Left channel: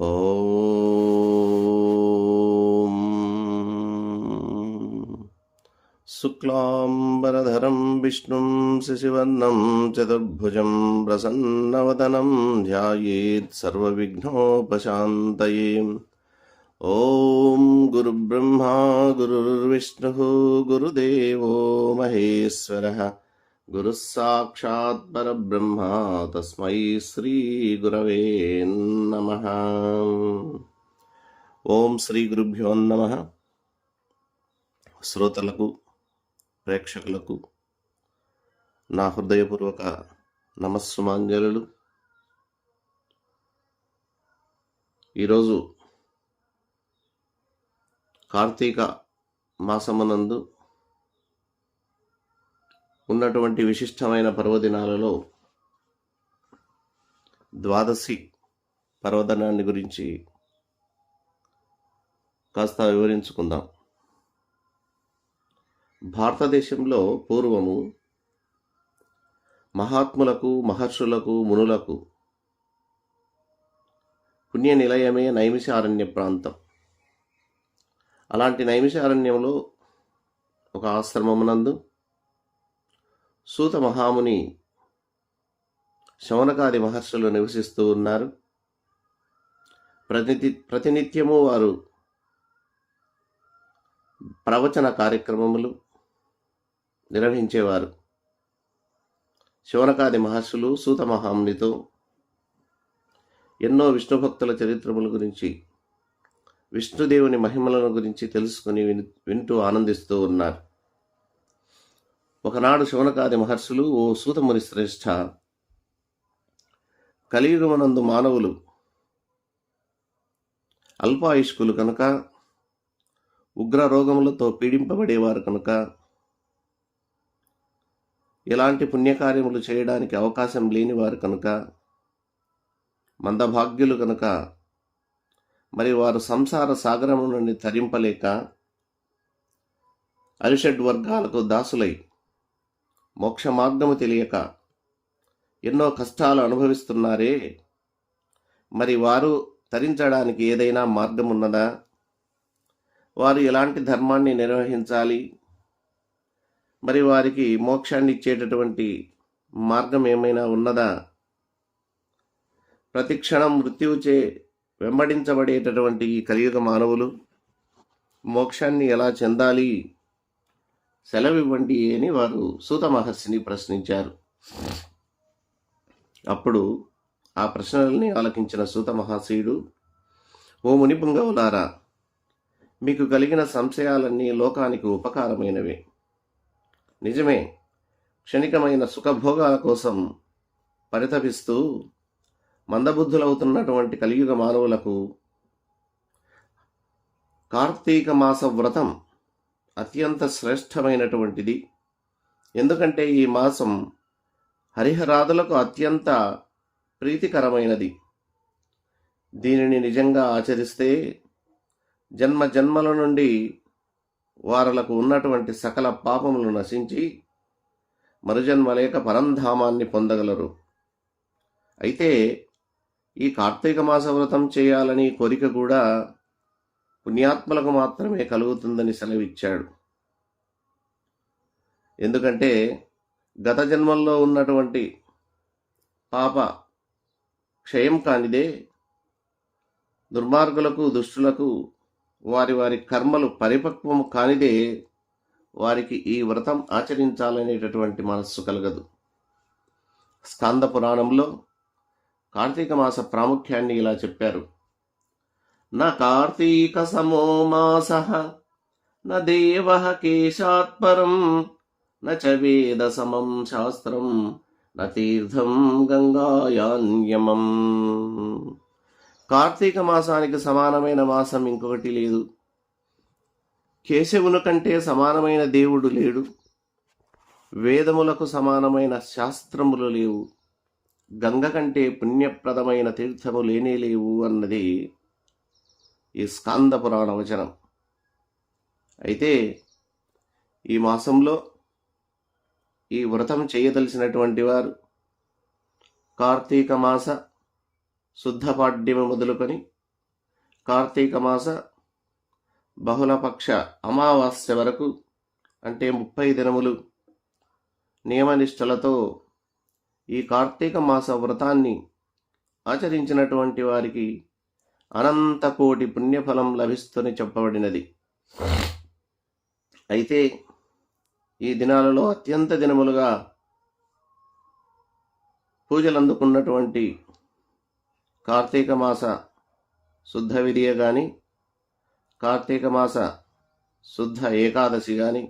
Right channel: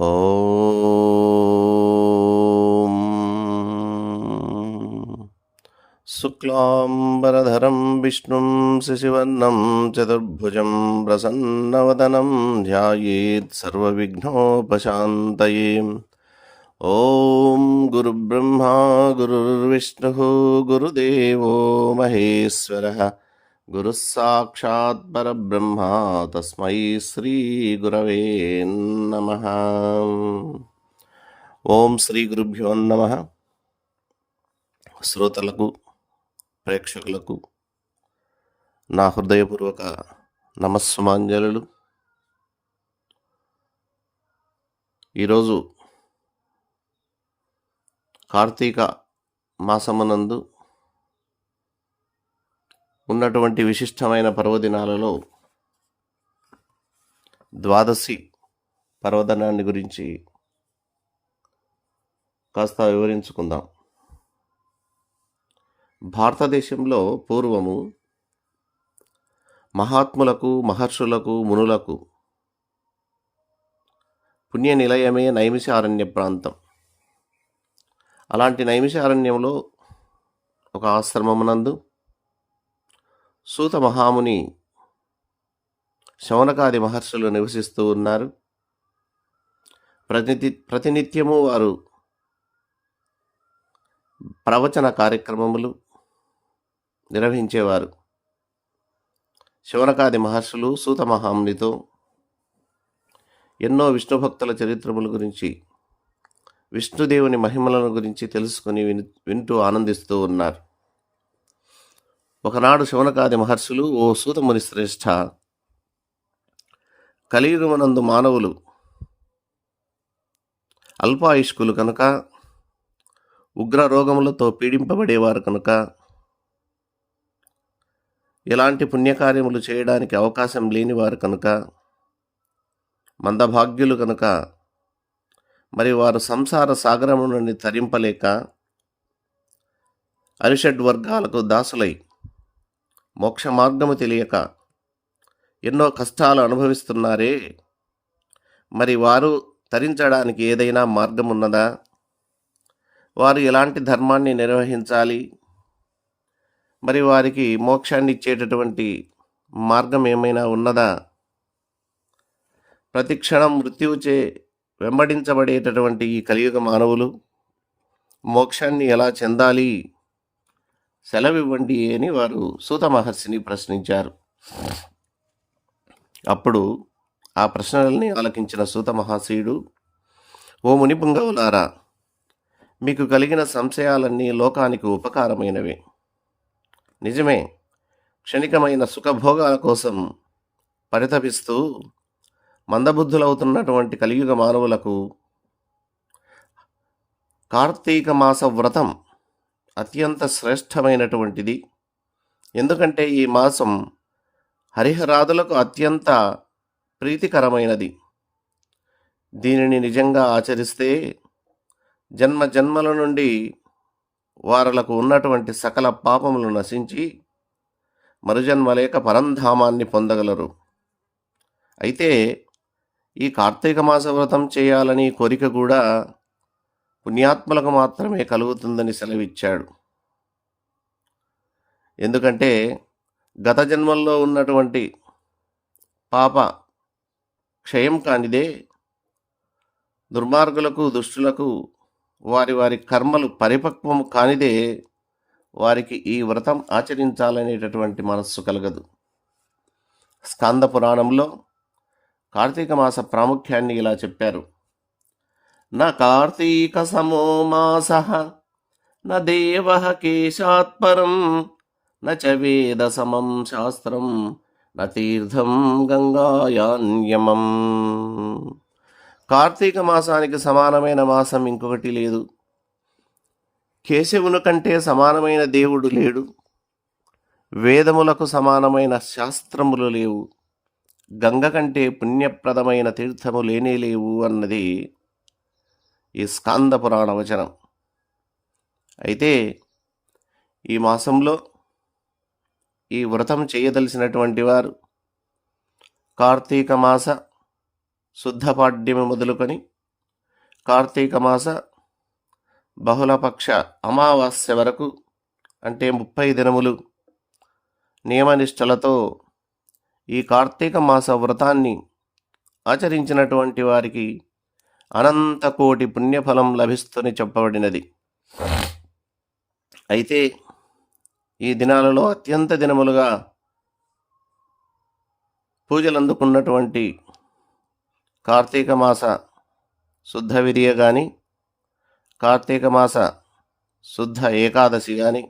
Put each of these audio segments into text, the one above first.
ॐ शुक्लाम्बरधरं विष्णुं शशिवर्णं चतुर्भुजं प्रसन्नवदनं ध्यायेत् सर्वविघ्नोपशान्तये ॐ गुरुब्रह्मा गुरुर्विष्णुः गुरुदेवो महेश्वरः గురుస్సాక్షాత్ పరబ్రహ్మ తస్మై శ్రీ గురవే నమ ఓం శ్రీ గురుభ్యో నమ శ్రోతలకు ప్రేక్షకులకు నా హృదయపూర్వక నమస్సుమాంజలు ఈరోజు కార్తీక మాసమునందు ఉన్నటువంటి విశిష్టమైన పర్వదినాలలో ద్వాదశి పర్వదినాన్ని గురించి కాస్త వివరించుకుందాం. భారతదేశంలో పూర్వము మహాత్ములకు మహర్షులకు మునులకు పుణ్య నిలయమే నైమిషారణ్య ప్రాంతం. అలాంటి నైమిషారణ్యంలో ఒక ఆశ్రమమునందు సూత మహాముని శౌనకాది మహర్షులు నివసిస్తూ ఉన్నారు. ప్రతి ప్రతినిత్యము వారు ప్రవచన కార్యక్రమములు నిర్వహించేవారు. శివనకాది మహర్షులు సూత మహామునితో ఎన్నో విష్ణు భక్తుల చరిత్రముల గురించి విష్ణుదేవుని మహిమలను గురించి తెలుసుకుని విని వింటూ ఆనందిస్తూ ఉన్నారు. ఒకనాడు శివనకాది మహర్షులు ఓ సూతముని శ్రేష్ఠ కలియుగమనందు మానవులు అల్పాయుష్కులు కనుక ఉగ్ర రోగములతో పీడింపబడేవారు కనుక ఎలాంటి పుణ్యకార్యములు చేయడానికి అవకాశం లేనివారు కనుక మందభాగ్యులు కనుక మరి వారు సంసార సాగరము నుండి తరింపలేక అరిషడ్ వర్గాలకు దాసులై మోక్ష మార్గము తెలియక ఎన్నో కష్టాలు అనుభవిస్తున్నారే. మరి వారు తరించడానికి ఏదైనా మార్గం ఉన్నదా వారు ఎలాంటి ధర్మాన్ని నిర్వహించాలి? మరి వారికి మోక్షాన్ని ఇచ్చేటటువంటి మార్గం ఏమైనా ఉన్నదా? ప్రతిక్షణం మృత్యువుచే వెంబడించబడేటటువంటి ఈ కలియుగ మానవులు మోక్షాన్ని ఎలా చెందాలి? సెలవివ్వండి అని వారు సూత మహర్షిని ప్రశ్నించారు. అప్పుడు ఆ ప్రశ్నల్ని ఆలకించిన సూత మహాశయుడు ఓ మునిపుంగవులారా మీకు కలిగిన సంశయాలన్నీ లోకానికి ఉపకారమైనవి. నిజమే క్షణికమైన సుఖభోగాల కోసం పరితపిస్తూ మందబుద్ధులవుతున్నటువంటి కలియుగ మానవులకు కార్తీక మాస వ్రతం అత్యంత శ్రేష్టమైనటువంటిది. ఎందుకంటే ఈ మాసం హరిహరాదులకు అత్యంత ప్రీతికరమైనది. దీనిని నిజంగా ఆచరిస్తే జన్మ జన్మల నుండి వారలకు ఉన్నటువంటి సకల పాపములు నశించి మరుజన్మ లేక పరంధామాన్ని పొందగలరు. అయితే ఈ కార్తీక మాస వ్రతం చేయాలని కోరిక కూడా పుణ్యాత్మలకు మాత్రమే కలుగుతుందని సెలవిచ్చాడు. ఎందుకంటే గత జన్మల్లో ఉన్నటువంటి పాప క్షయం కానిదే దుర్మార్గులకు దుష్టులకు వారి వారి కర్మలు పరిపక్వం కానిదే వారికి ఈ వ్రతం ఆచరించాలనేటటువంటి మనస్సు కలగదు. స్కంద పురాణంలో కార్తీక మాస ప్రాముఖ్యాన్ని ఇలా చెప్పారు. న కార్తీక సమో మాస న దేవ కేశాత్పరం న చ వేద సమం శాస్త్రం న తీర్థం గంగాయాన్యమం. కార్తీక మాసానికి సమానమైన మాసం ఇంకొకటి లేదు. కేశవుని కంటే సమానమైన దేవుడు లేడు. వేదములకు సమానమైన శాస్త్రములు లేవు. గంగ కంటే పుణ్యప్రదమైన తీర్థము లేనే లేవు అన్నది ఈ స్కాంద పురాణ వచనం. అయితే ఈ మాసంలో ఈ వ్రతం చేయదలిసినటువంటి వారు కార్తీక మాస శుద్ధపాడ్యమి మొదలుకొని కార్తీక మాస బహుళపక్ష అమావాస్య వరకు అంటే ముప్పై దినములు నియమనిష్టలతో ఈ కార్తీక మాస వ్రతాన్ని ఆచరించినటువంటి వారికి అనంతకోటి పుణ్యఫలం లభిస్తుందని చెప్పబడినది. అయితే ఈ దినాలలో అత్యంత దినములుగా పూజలు అందుకున్నటువంటి కార్తీక మాస శుద్ధ విధియ కానీ కార్తీక మాస శుద్ధ ఏకాదశి కానీ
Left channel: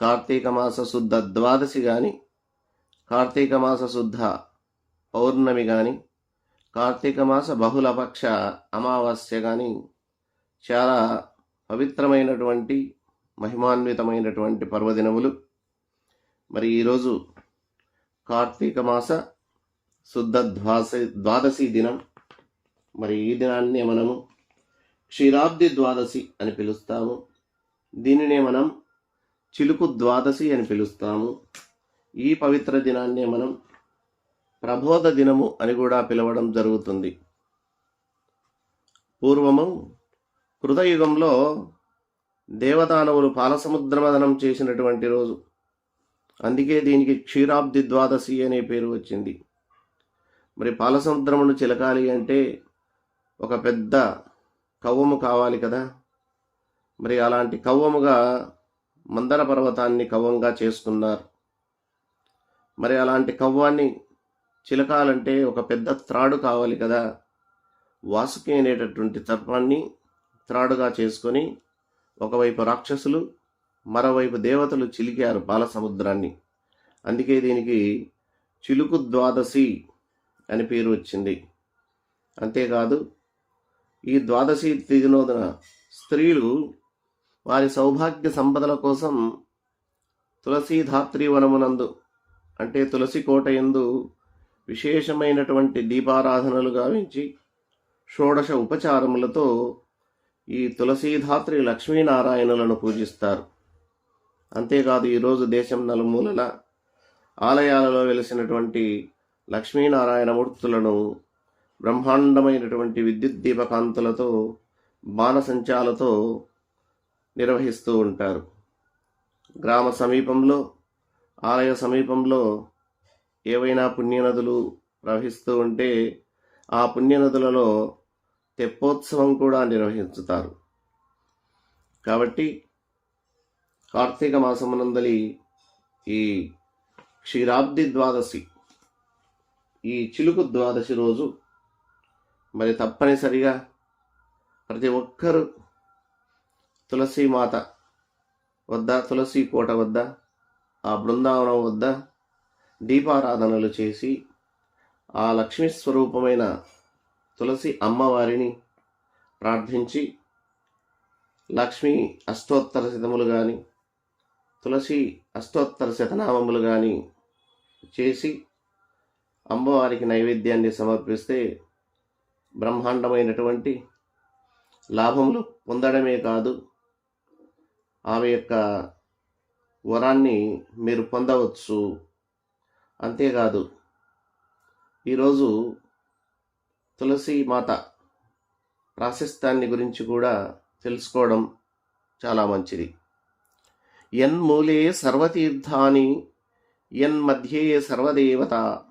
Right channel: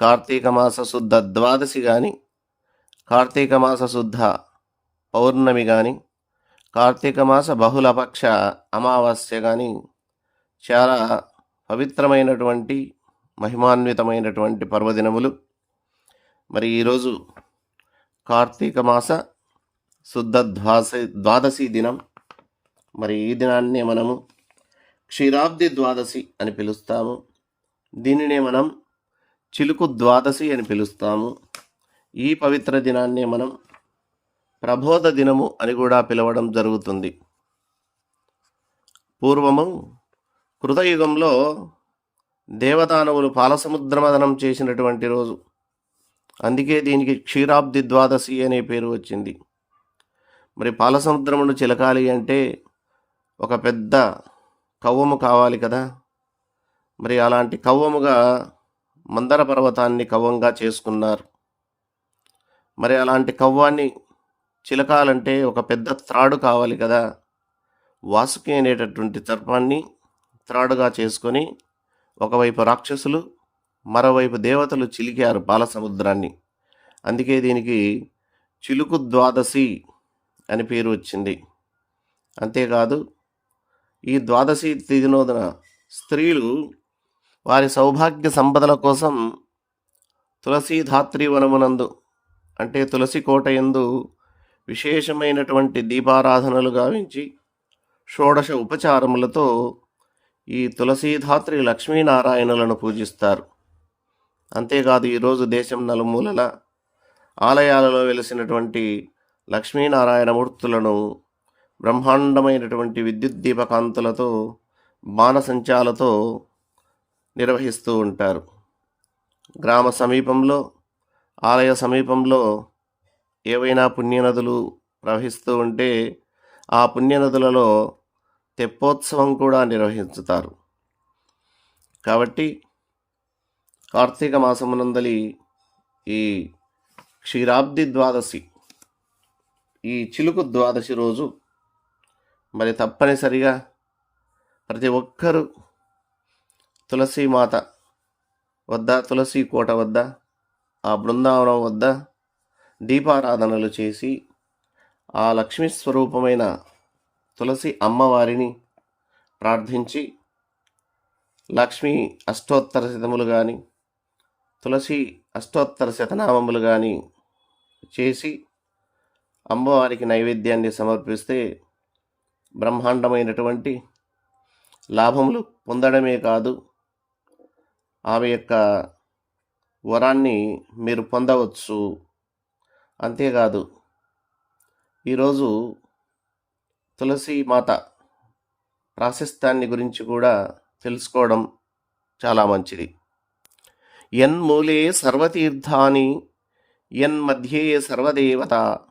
కార్తీక మాస శుద్ధ ద్వాదశి కానీ కార్తీక మాస శుద్ధ పౌర్ణమి కానీ కార్తీక మాస బహుళపక్ష అమావాస్య కానీ చాలా పవిత్రమైనటువంటి మహిమాన్వితమైనటువంటి పర్వదినములు. మరి ఈరోజు కార్తీక మాస శుద్ధ ద్వాస ద్వాదశి దినం. మరి ఈ దినాన్ని మనము క్షీరాబ్ది ద్వాదశి అని పిలుస్తాము. దీనినే మనం చిలుకు ద్వాదశి అని పిలుస్తాము. ఈ పవిత్ర దినాన్ని మనం ప్రబోధ దినము అని కూడా పిలవడం జరుగుతుంది. పూర్వము కృతయుగంలో దేవదానవులు పాలసముద్రమదనం చేసినటువంటి రోజు. అందుకే దీనికి క్షీరాబ్ది ద్వాదశి అనే పేరు వచ్చింది. మరి పాలసముద్రమును చిలకాలి అంటే ఒక పెద్ద కవ్వము కావాలి కదా? మరి అలాంటి కవ్వముగా మందర పర్వతాన్ని కవ్వంగా చేసుకున్నారు. మరి అలాంటి కవ్వాన్ని చిలకాలంటే ఒక పెద్ద త్రాడు కావాలి కదా. వాసుకి అనేటటువంటి తర్పాన్ని త్రాడుగా చేసుకొని ఒకవైపు రాక్షసులు మరోవైపు దేవతలు చిలికారు బాలసముద్రాన్ని. అందుకే దీనికి చిలుకు ద్వాదశి అని పేరు వచ్చింది. అంతేకాదు ఈ ద్వాదశి తిదినోదన స్త్రీలు వారి సౌభాగ్య సంపదల కోసం తులసీధాత్రి వనమునందు అంటే తులసి కోట ఎందు విశేషమైనటువంటి దీపారాధనలు గావించి షోడశ ఉపచారములతో ఈ తులసీధాత్రి లక్ష్మీనారాయణులను పూజిస్తారు. అంతేకాదు ఈరోజు దేశం నలుమూలల ఆలయాలలో వెలిసినటువంటి లక్ష్మీనారాయణ మూర్తులను బ్రహ్మాండమైనటువంటి విద్యుత్ దీపకాంతులతో బాణసంచాలతో నిర్వహిస్తూ ఉంటారు. గ్రామ సమీపంలో ఆలయ సమీపంలో ఏవైనా పుణ్యనదులు ప్రవహిస్తూ ఉంటే ఆ పుణ్యనదులలో తెప్పోత్సవం కూడా నిర్వహించుతారు. కాబట్టి కార్తీక మాసమునందలి ఈ క్షీరాబ్ది ద్వాదశి ఈ చిలుకు ద్వాదశి రోజు మరి తప్పనిసరిగా ప్రతి ఒక్కరూ తులసీమాత వద్ద తులసి కోట వద్ద ఆ బృందావనం వద్ద దీపారాధనలు చేసి ఆ లక్ష్మీ స్వరూపమైన తులసి అమ్మవారిని ప్రార్థించి లక్ష్మీ అష్టోత్తర శతములు కానీ తులసి అష్టోత్తర శతనామములు కానీ చేసి అమ్మవారికి నైవేద్యాన్ని సమర్పిస్తే బ్రహ్మాండమైనటువంటి లాభములు పొందడమే కాదు ఆమె యొక్క వరాన్ని మీరు పొందవచ్చు. అంతేకాదు ఈరోజు తులసి మాత ప్రాశస్త్యాన్ని గురించి కూడా తెలుసుకోవడం చాలా మంచిది. యన్మూలే సర్వతీర్థాని యన్మధ్యే సర్వదేవత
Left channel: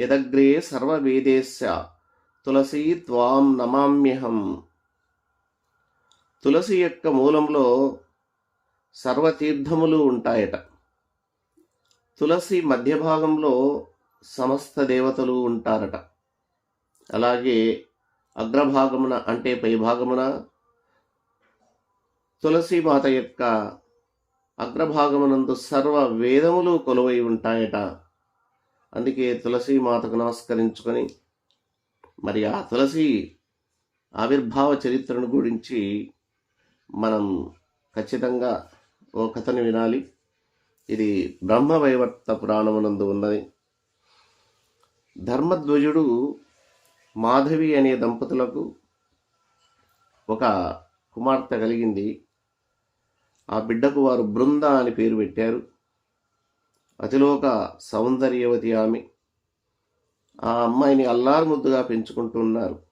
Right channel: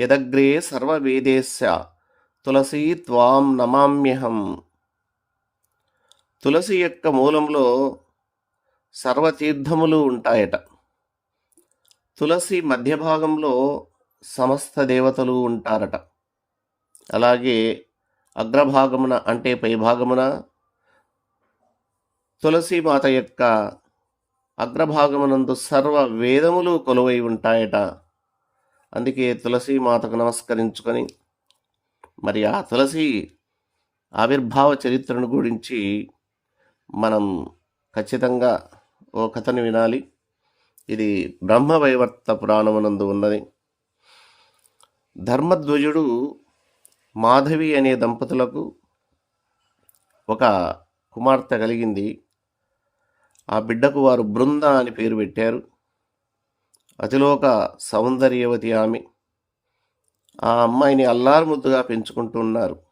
యదగ్రే సర్వవేదేశ తులసి త్వాం నమామ్యహం. తులసి యొక్క మూలంలో సర్వతీర్థములు ఉంటాయట. తులసి మధ్య భాగంలో సమస్త దేవతలు ఉంటారట. అలాగే అగ్రభాగమున అంటే పై భాగమున తులసి మాత యొక్క అగ్రభాగమునందు సర్వ వేదములు కొలువై ఉంటాయట. అందుకే తులసి మాతకు నమస్కరించుకొని మరి ఆ తులసి ఆవిర్భావ చరిత్రను గురించి మనం ఖచ్చితంగా ఓ కథను వినాలి. ఇది బ్రహ్మవైవర్త పురాణమునందు ఉన్నది. ధర్మధ్వజుడు మాధవి అనే దంపతులకు ఒక కుమార్తె కలిగింది. ఆ బిడ్డకు వారు బృంద అని పేరు పెట్టారు. అతిలోక సౌందర్యవతి ఆమె. ఆ అమ్మాయిని అల్లారుముద్దుగా పెంచుకుంటున్నారు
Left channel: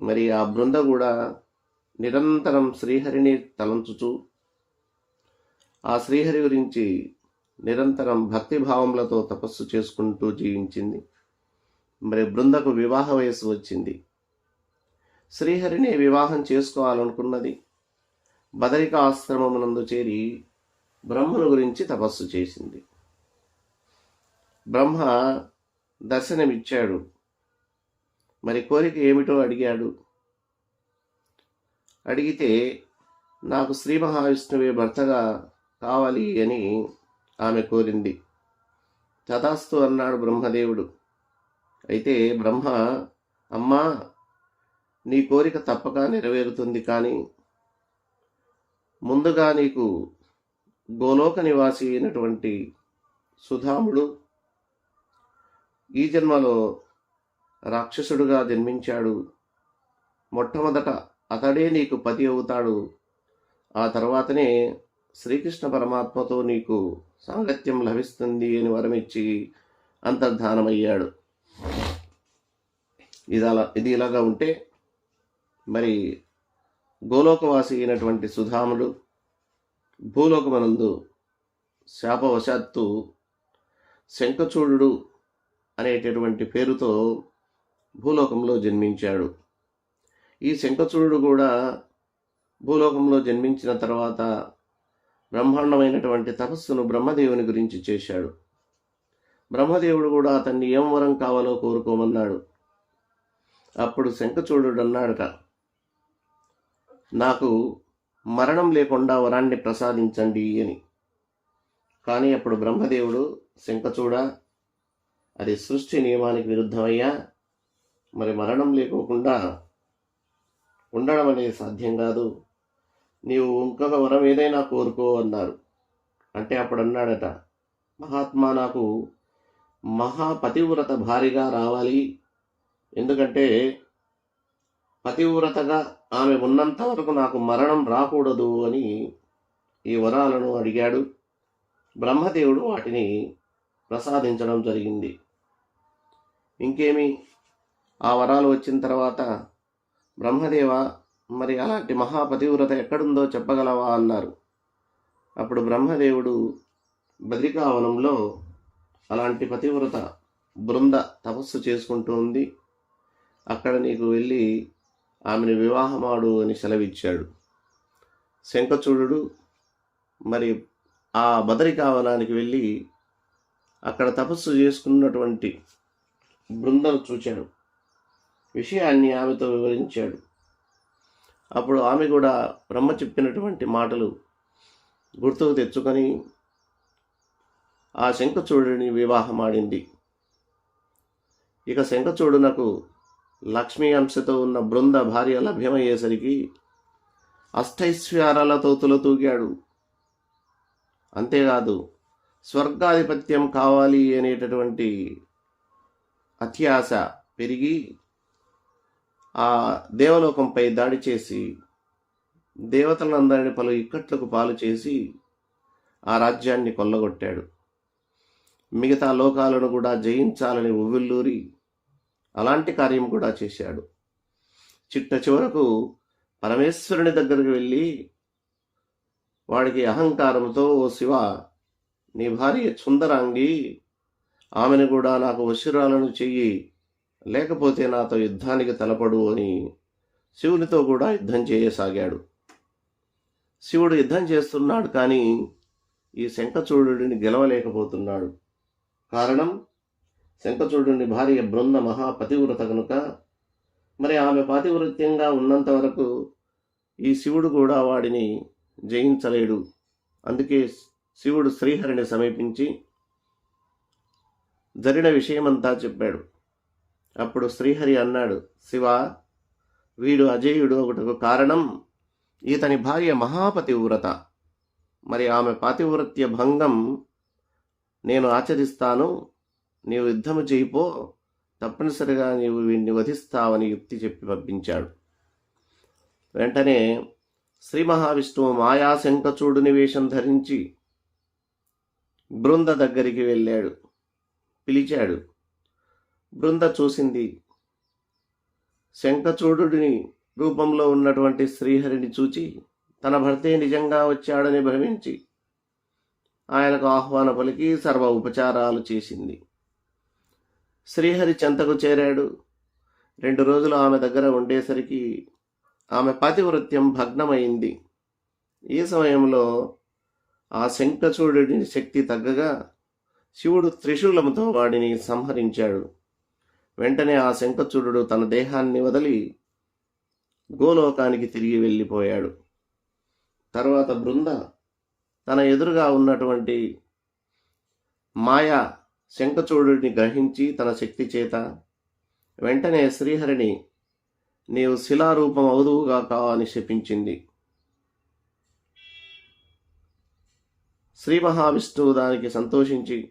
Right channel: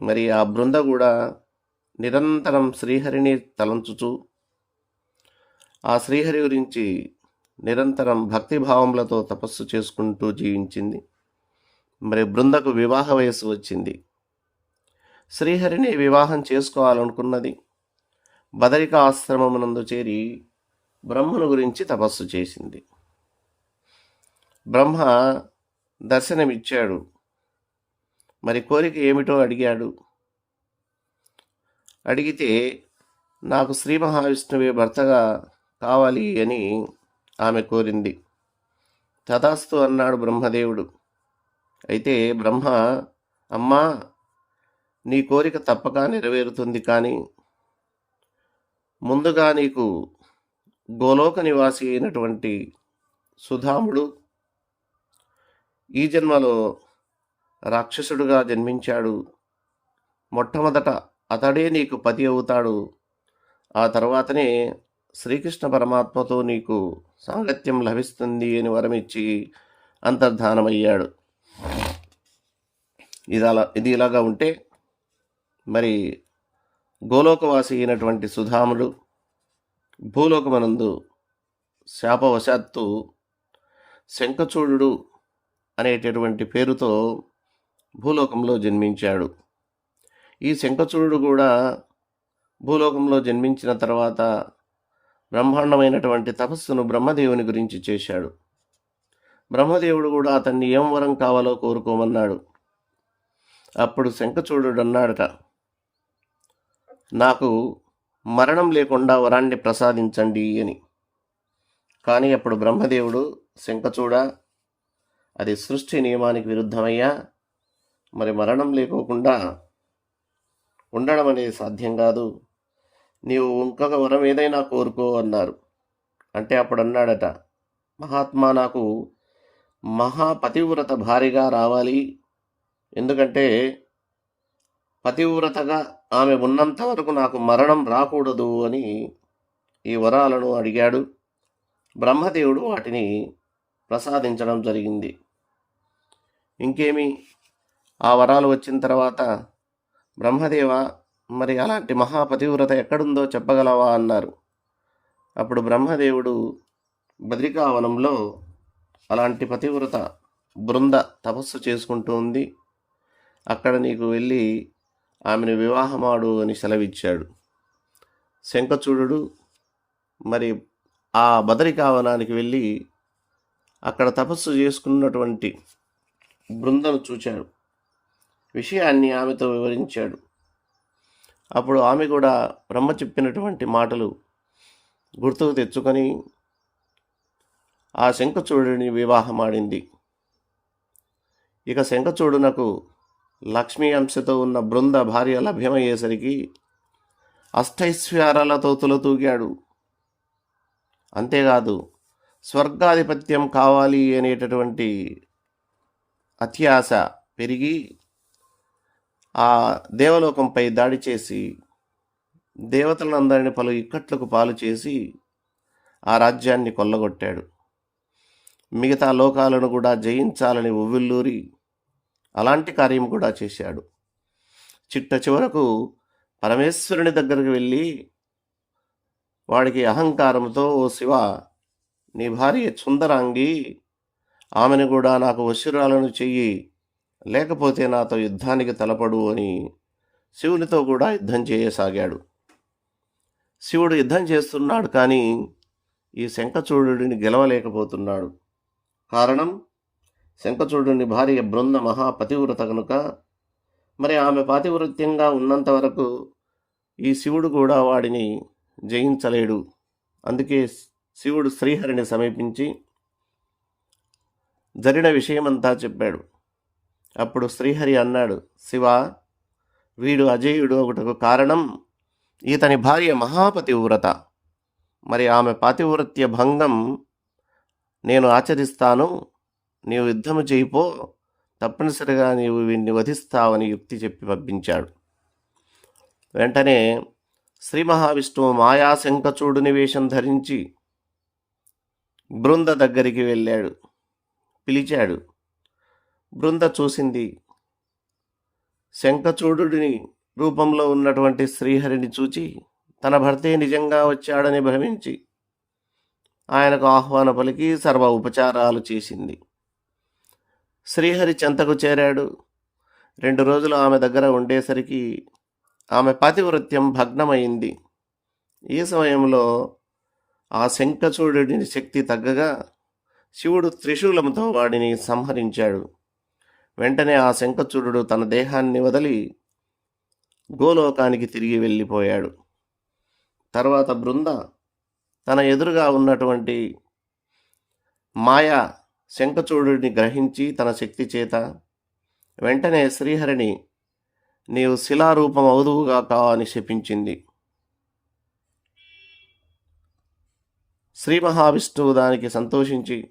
మరి ఆ బృంద కూడా నిరంతరం శ్రీహరిని తలంచుచు ఆ శ్రీహరి గురించి నిరంతరం భక్తిభావములతో తపస్సు చేసుకుంటూ జీవించింది. మరి బృందకు వివాహ వయస్సు వచ్చింది. శ్రీహరిని వివాహం చేసుకోవాలనుకున్నది. బదరిక ఆశ్రమమునందు చేరి బ్రహ్మను గురించి తపస్సు చేసింది. బ్రహ్మ దర్శనమిచ్చాడు. మరి కోరిక ఏమిటో అడిగాడు. అడిగితే నాకు శ్రీ మహావిష్ణువే భర్తగా కావాలి అని ఆమె కోరింది. తథాస్తు అన్నాడు బ్రహ్మదేవుడు. అయితే బ్రహ్మ అమ్మా నీ కోరిక తప్పక నెరవేరుతుంది కానీ ముందుగా నీకు గోలోక నివాసి అయినటువంటి సుధాముడు ఈ జన్మలో రాక్షసుడుగా జన్మించాడు. మొట్టమొదట అతడే నీకు పతి అవుతాడు. ఆ తర్వాతనే శ్రీకృష్ణ పరమాత్మతో నీకు సాంగత్యం లభిస్తుంది అని వరమిచ్చి అంతర్ధానమయ్యాడు. ఇది అలా ఇది ఇలాగా ఉంటే మరి గోలోకవాసి అయినటువంటి సుధాముడు భూలోకమనందు శాపవశాత్తు శంఖచూడు అనేటటువంటి పేరుతో భూలోకంలో జన్మించాడు. ఈ శంఖచూడు కూడా భూలోకంలో జన్మించిన తర్వాత బ్రహ్మాండమైనటువంటి తపస్సును బ్రహ్మదేవుని గురించి చేశాడు. బ్రహ్మదేవుడు కూడా అతన్ని ఏం వరం కావాలో కోరుకోమన్నాడు. అప్పుడు శంఖచూడు అన్నాడట నాకు మరణం లేకుండా వరాన్ని ప్రసాదించండి అని. కానీ అప్పుడు బ్రహ్మదేవుడు శంఖచూడ అది సృష్టి నియమానికి విరుద్ధమయ్యా. మరి మరణం లేకోకుండా ఉండడం అనేది సాధ్యం కాదు. నీవు ఇంకొక వరం ఏదైనా కోరుకో అన్నారు. అంటే అప్పుడు అన్నాడట మహాత్మా నాకు మహాపతివ్రత భారీగా రావాలి. ఎందుకంటే పతివ్రతగా ఆమె ఉన్నంత వరకు నాకు మరణం రాకూడదు అని ఈ వరాలను అడిగాడు. బ్రహ్మదేవుడు వాటిని ప్రసాదించడం జరిగింది. ఇంకేమి? ఆ వరాలు వచ్చిన తర్వాత బ్రహ్మదేవ మరి అలాంటి మహాపతివ్రత ఎక్కడుందో చెప్పగలవా అన్నారు. అప్పుడు బ్రహ్మదేవుడు బద్రికావనంలో అలాంటి పతివ్రత బృంద తపస్సు చేసుకుంటూ ఉంది. అక్కడ నీకు వెళ్ళి ఆమెను వివాహమాడు అని సెలవిచ్చాడు. శంఖచూడు మరి ఆ బదరికావనానికి వెళ్ళి అక్కడ తపస్సు చేసుకున్నటువంటి బృందను చూచాడు. విషయాన్ని ఆమెతో వివరించాడు. అప్పుడు ఆమె కూడా బ్రహ్మ చెప్పినటువంటి మాటలు గుర్తుకు తెచ్చుకొని ఆ శంఖచూడుని వివాహమాడింది. ఇక శంఖచూడునకు లక్ష్మీ అంశతో ఉన్న బృంద భార్య లభ్యమయ్యేసరికి అష్టైశ్వర్యాలతో తులతూగాడు అంతేకాదు స్వర్గాధిపత్యం కావాలి అనేటటువంటి అత్యాశ పెరిగి ఆ దేవలోకంపై దాడి చేసి దేవతలందరిని పలు ఇక్కట్లకు పాలు చేసి ఆ రాజ్యాన్ని కొల్లగొట్టాడు. మిగతా లోకాలను కూడా జయించాలని ఉవ్విల్లూరి అలాంటి కార్యం కూడా చేశాడు. చిట్ట చివరకు పరమేశ్వరుని దగ్గరికి వెళ్ళి వాడికి అహంకారంతో ఓ శివ నీ భార్య సుందరాంగి ఆమెను కూడా నాకు వశురాలను చెయ్యి లేకపోతే నాతో యుద్ధానికి తలపడు అని శివునితో కూడా యుద్ధం చేయసాగాడు. శివుడు యుద్ధం చేస్తున్నాడు కానీ ఈ శంఖచూడుని గెలవలేకపోతున్నాడు. కారణం శంఖచూడుని భార్య బృంద మహాపతివ్రత కనుక మరి ఆమె పాతివృత్యంగా ఉన్నంత వరకు ఈ శివుడు కూడా వాడిని జయించలేడు. అందుకే శివుడు శ్రీహరిని సమీపించి జరిగిన విషయమంతా చెప్పాడు. అప్పుడు శ్రీహరి అన్నాడు శివ వీడు అజేయుడు ఒకటకు కారణం ఇతని భార్య మహాపతివ్రత. మరి ఆమె పాతివ్రత్య భంగం నేను ఆచరిస్తాను నీవు యుద్ధము చేయిపో తప్పనిసరిగా నీవు వీడిని వధిస్తావని యుక్తి చెప్పి పంపించాడు. వెంటనే శ్రీ మహావిష్ణువు మాయాశంకచూడుని వేషం ధరించి బృంద దగ్గరికి వెళ్ళాడు. పిలిచాడు బృంద చూసింది. శంఖచూడుని రూపంలో ఉన్నటువంటి శ్రీహరిని చూచి తన భర్తే నిజంగా వచ్చాడని భ్రమించి ఆయనకు ఆహ్వాన పలికి సర్వ ఉపచారాలు చేసింది. శ్రీహరి చెంతకు చేరాడు. రెండు రోజులు ఆమె దగ్గర ఉండేసరికి ఆమె పాతివృత్యం భగ్నమైంది. ఈ సమయంలో ఆ శంఖచూడుని శక్తి తగ్గగా శివుడు త్రిశూలంతో వాడిని సంహరించాడు. వెంటనే ఆ శంఖచూడు తన దేహాన్ని వదిలి గోలోకానికి తిరిగి వెళ్ళిపోయాడు. తర్వాత బృంద తన ఎదురుగా ఉన్నటువంటి మాయా శంఖచూడుని గ్రహించి తన శక్తి చేత వెంటనే శ్రీహరిని నీవు శిలారూపం అవుదువుగా కావని శపించింది. శ్రీ మహావిష్ణువు దానికి సంతోషించి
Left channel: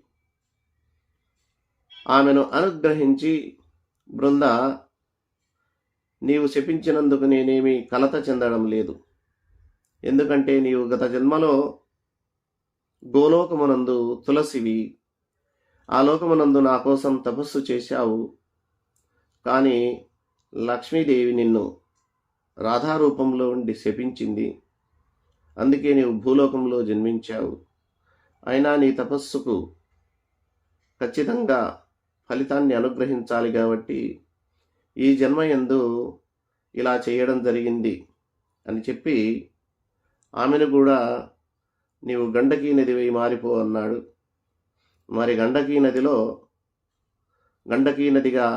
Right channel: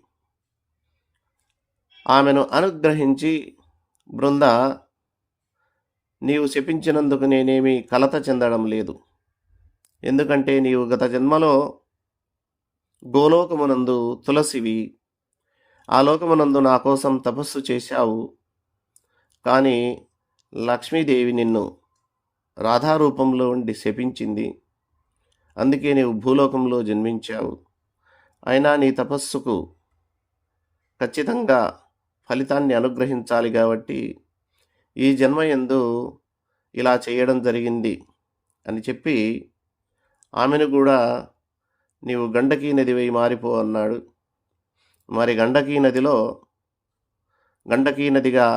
ఆమెను అనుగ్రహించి బృంద నీవు శపించినందుకు నేనేమి కలత చెందడం లేదు. ఎందుకంటే నీవు గత జన్మలో గోలోకమునందు తులసివి. ఆ లోకమునందు నా కోసం తపస్సు చేశావు. కానీ లక్ష్మీదేవి నిన్ను రాధారూపంలో ఉండి శపించింది. అందుకే నీవు భూలోకంలో జన్మించావు. అయినా నీ తపస్సుకు ఖచ్చితంగా ఫలితాన్ని అనుగ్రహించాలి కాబట్టి ఈ జన్మ ఎందు ఇలా చేయడం జరిగింది అని చెప్పి ఆమెను కూడా నీవు గండకీ నదివై మారిపో అన్నాడు. మరి గండకీ నదిలో గండకీ నదిగా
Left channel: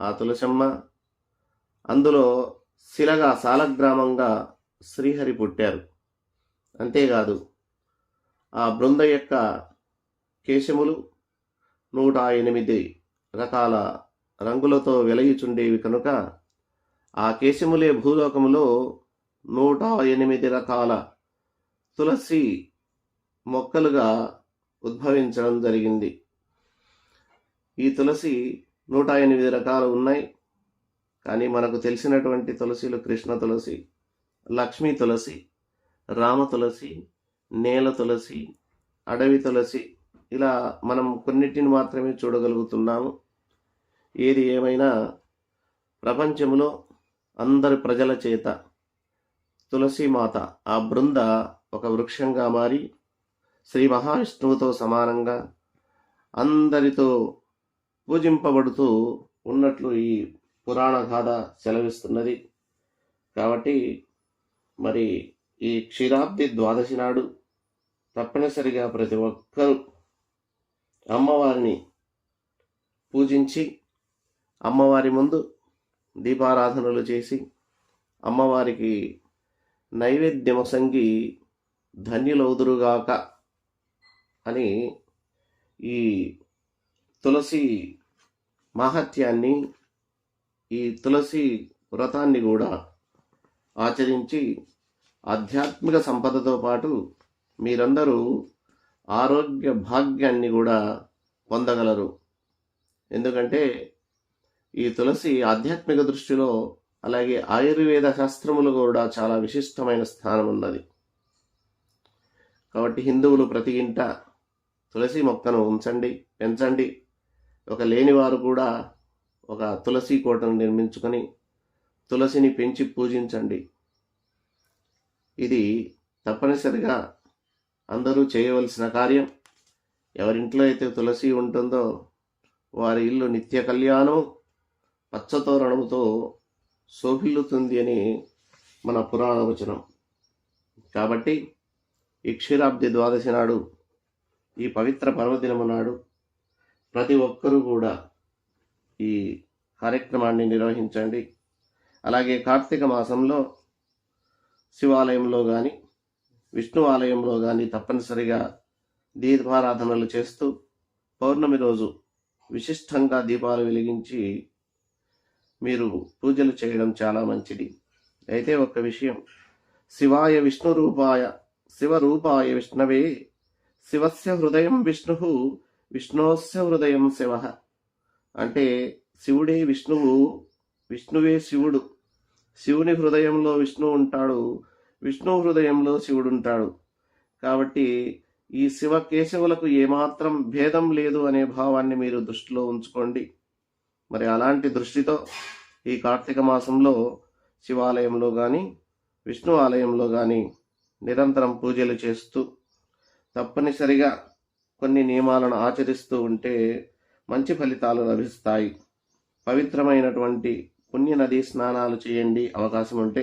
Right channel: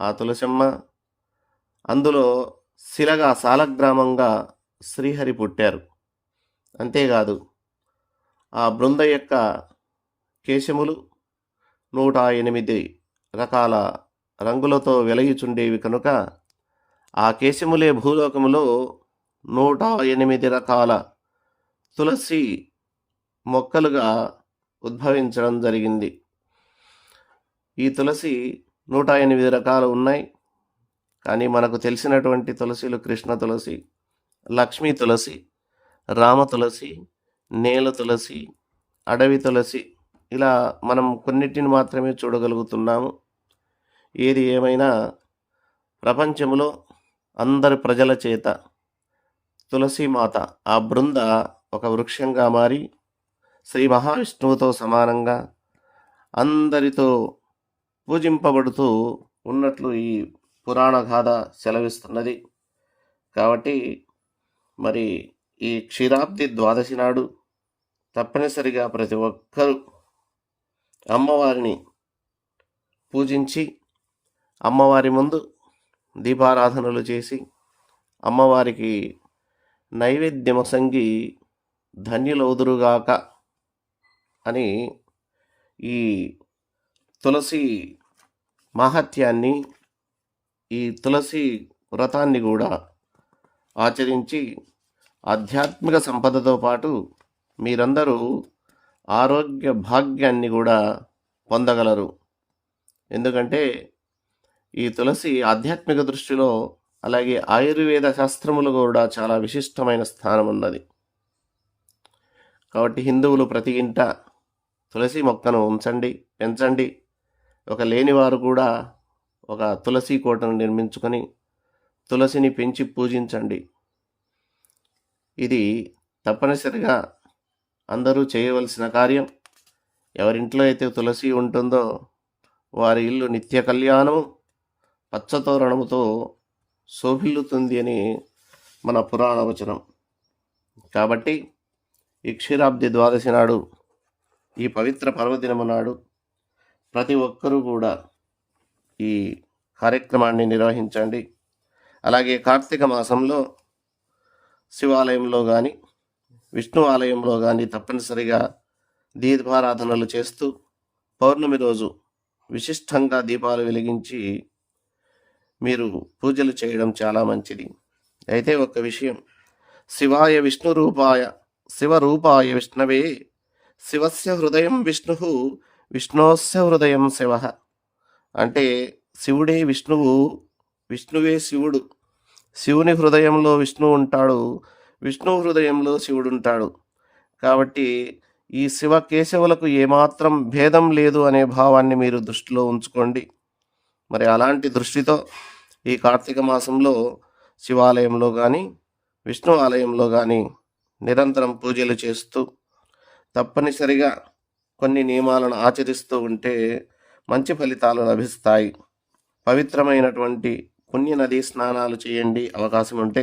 ఆ తులసమ్మ అందులో శిలగా సాలగ్రామంగా శ్రీహరి పుట్టారు. అంతేకాదు ఆ బృంద యొక్క కేశములు నూట ఎనిమిది రకాల రంగులతో వెలయుచుండేవి కనుక ఆ కేశములే భూలోకములో నూట ఎనిమిది రకాల తులసి మొక్కలుగా ఉద్భవించడం జరిగింది. ఈ తులసి నూట ఎనిమిది రకాలు ఉన్నాయి. కానీ మనకు తెలిసినటువంటి తులసిలు కృష్ణ తులసి లక్ష్మీ తులసి రామ తులసి నేల తులసి అడవి తులసి ఇలా మనం కొన్నిటిని మాత్రమే చూడగలుగుతున్నాము. ఏది ఏమైనా ప్రపంచంలో అందరి ప్రజల చేత తులసీమాత ఆ బృంద ఒక వృక్షంగా మారి శ్రీ మహావిష్ణువుతో సమానంగా అందరితో పూజింపబడుతూ ఉన్నట్లు ఈ పురాణ గాథ సెలవిస్తున్నది. కాబట్టి మరి ఈ క్షీరాబ్ది ద్వాదశి నాడు తప్పనిసరిగా ప్రతి ఒక్కరూ అమ్మవారిని పూజించి అమ్మవారి ముందు దీపారాధనలు చేసి అమ్మవారికి నైవేద్యమసంగి ధన్యులవుదురుగాక అని ఈ తులసి మహత్యాన్ని ఈ తులసి వ్రతాన్ని కూడా ఆచరించి ఆధ్యాత్మిక సంపదతో పాటు మీరందరూ ఆరోగ్య భాగ్యాన్ని కూడా పొందగలరు. ఎందుకంటే ఈ తులసి ఆధ్యాత్మిక దృష్టిలో అలాగే ఆయుర్వేద శాస్త్రములు కూడా చాలా విశిష్టమైన స్థానం ఉన్నది కాబట్టి హిందువులు ప్రతి ఇంట తులసి మొక్కను ఉంచండి పెంచండి. ఒక లేనివారు కూడా ఒక తులసి కోటను నిర్మించుకొని తులసిని పెంచి పూజించండి. ఇది తప్పనిసరిగా అందరూ చేయవలసిన కార్యం ఎవరింట్లో అయితే తులసి ఉంటుందో వారి ఇల్లు నిత్య కళ్యాణము పచ్చతోరణముతో శోభిల్లుతుంది అని మన పురాణ వచనం. కాబట్టి ఈ క్షీరాబ్ది ద్వాదశి నాడు ఈ పవిత్ర పర్వదినము నాడు ప్రతి ఒక్కరూ కూడా ఈ కార్యక్రమాన్ని నిర్వహించండి. అలాగే కార్తీక మాసంలో శివాలయంలో కానీ విష్ణు ఆలయంలో కానీ తప్పనిసరిగా దీపారాధనలు చేస్తూ పౌర్ణమి రోజు విశిష్టంగా దీపాలు వెలిగించి మీరు పూజలు చేయడం చాలా మంచిది. అయితే ఒక విషయం. శివాయ విష్ణు రూపాయ శివరూపాయ విష్ణవే శివస్య హృదయం విష్ణు విష్ణోస్య హృదయం శివ. అంటే శివుడే విష్ణువు విష్ణువే శివుడు. శివుని హృదయంలో విష్ణువు ఉంటాడు. విష్ణు హృదయంలో శివుడు ఉంటాడు కాబట్టి ఈ శివ కేశవులకు ఏమాత్రం భేదం లేదు అనే భావాన్ని మీరు దృష్టిలో ఉంచుకోండి. మరి అలాంటి దృష్టితో ఈ కార్తీక మాసంలో శివాలయంలో కానీ విష్ణు ఆలయంలో కానీ నిరంతరం పూజలు చేస్తూ తప్పనిసరిగా కొన్ని నియమాలను ఆచరిస్తూ ఉంటే మంచి ఫలితాలు లభిస్తాయి. పవిత్రమైనటువంటి పుణ్య నదీ స్నానాలు చేయండి అవకాశం ఉంటే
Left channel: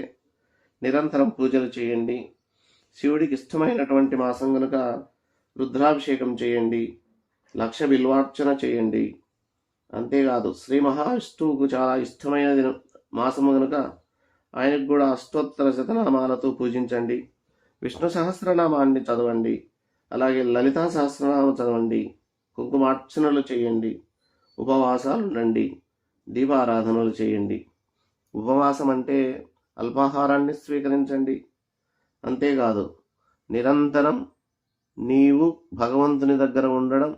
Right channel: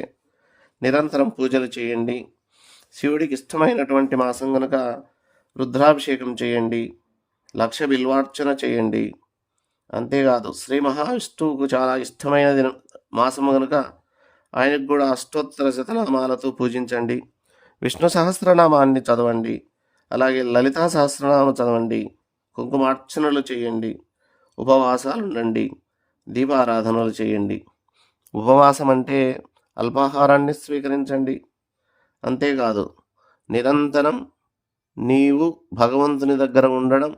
నిరంతరం పూజలు చేయండి. శివుడికి ఇష్టమైనటువంటి మాసం కనుక రుద్రాభిషేకం చేయండి. లక్ష బిల్వార్చన చేయండి. అంతేకాదు శ్రీ మహావిష్ణువుకు చాలా ఇష్టమైన మాసము కనుక ఆయనకు కూడా అష్టోత్తర శతనామాలతో పూజించండి. విష్ణు సహస్రనామాన్ని చదవండి. అలాగే లలితా సహస్రనామం చదవండి. కుంకుమార్చనలు చేయండి. ఉపవాసాలు ఉండండి దీపారాధనలు చేయండి. ఉపవాసం అంటే అల్పాహారాన్ని స్వీకరించండి. అంతేకాదు నిరంతరం నీవు భగవంతుని దగ్గర ఉండడం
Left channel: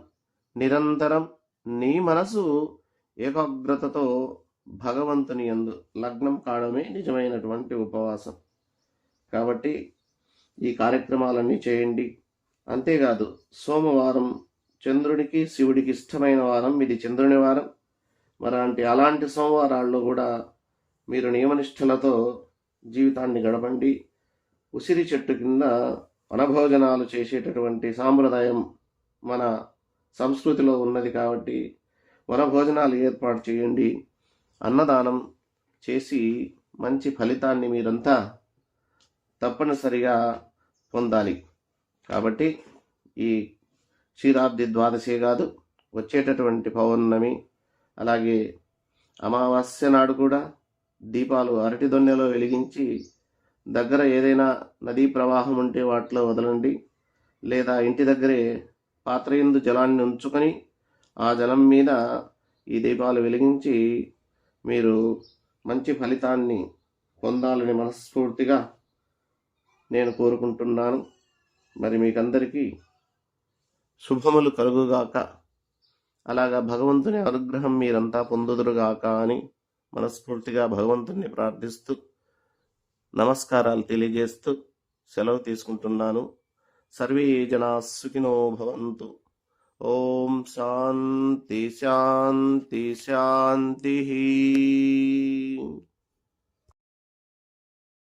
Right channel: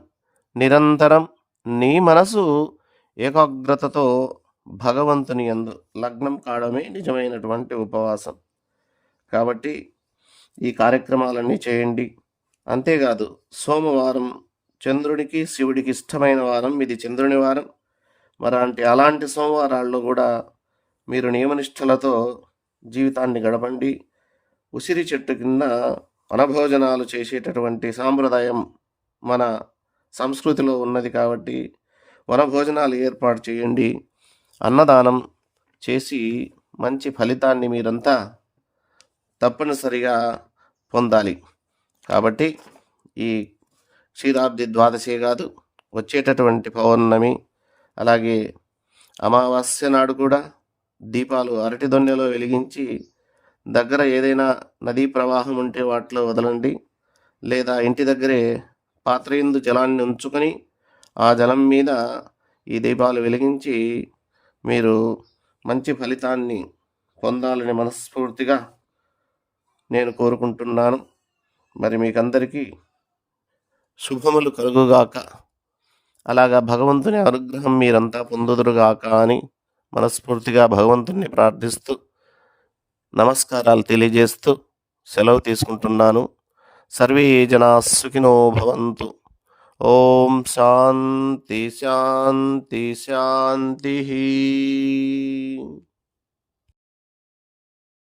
నిరంతరం నీ మనసు ఏకాగ్రతతో భగవంతుని యందు లగ్నం కావడమే నిజమైనటువంటి ఉపవాసం. కాబట్టి ఈ కార్యక్రమాలన్నీ చేయండి. అంతేకాదు సోమవారం చంద్రుడికి శివుడికి ఇష్టమైన వారం ఇది చంద్రుని వారం. మరాంటి అలాంటి సోమవారాల్లో కూడా మీరు నియమనిష్టలతో జీవితాన్ని గడపండి. ఉసిరి చెట్టు కింద వనభోజనాలు చేసేటటువంటి సాంప్రదాయం మన సంస్కృతిలో ఉన్నది కాబట్టి వనభోజనాలు ఏర్పాటు చేయండి. అన్నదానం చేసి మంచి ఫలితాన్ని మీరంతా తప్పనిసరిగా పొందాలి. కాబట్టి ఈ క్షీరాబ్ది ద్వాదశి కాదు వచ్చేటటువంటి పౌర్ణమి అలాగే అమావాస్య నాడు కూడా దీపాలు అరటి దొన్నెలో వెలిగించి దగ్గర ఏదైనా నదీ ప్రవాహం ఉంటే వాటిలో వదలండి. లేదా ఇంటి దగ్గరే పాత్ర ఎందు జలాన్ని ఉంచుకొని ఆ జలం మీద ఈ దీపాలు వెలిగించి మీరు మంచి ఫలితాన్ని పొందాలని మనస్ఫూర్తిగా నేను కోరుకుంటున్నాను. మరి మీకందరికీ శుభములు కలుగుగాక. అలాగా భగవంతుని అనుగ్రహం మీరంతా పొందుదురుగాక అని మనస్ఫూర్తిగా భగవంతుణ్ణి ప్రార్థిస్తూ నమస్కారాలు తెలియజేస్తూ సెలవు తీసుకుంటున్నాను. సర్వే జనా సుఖినో భవంతు. ఓం శాంతి శాంతి శాంతి.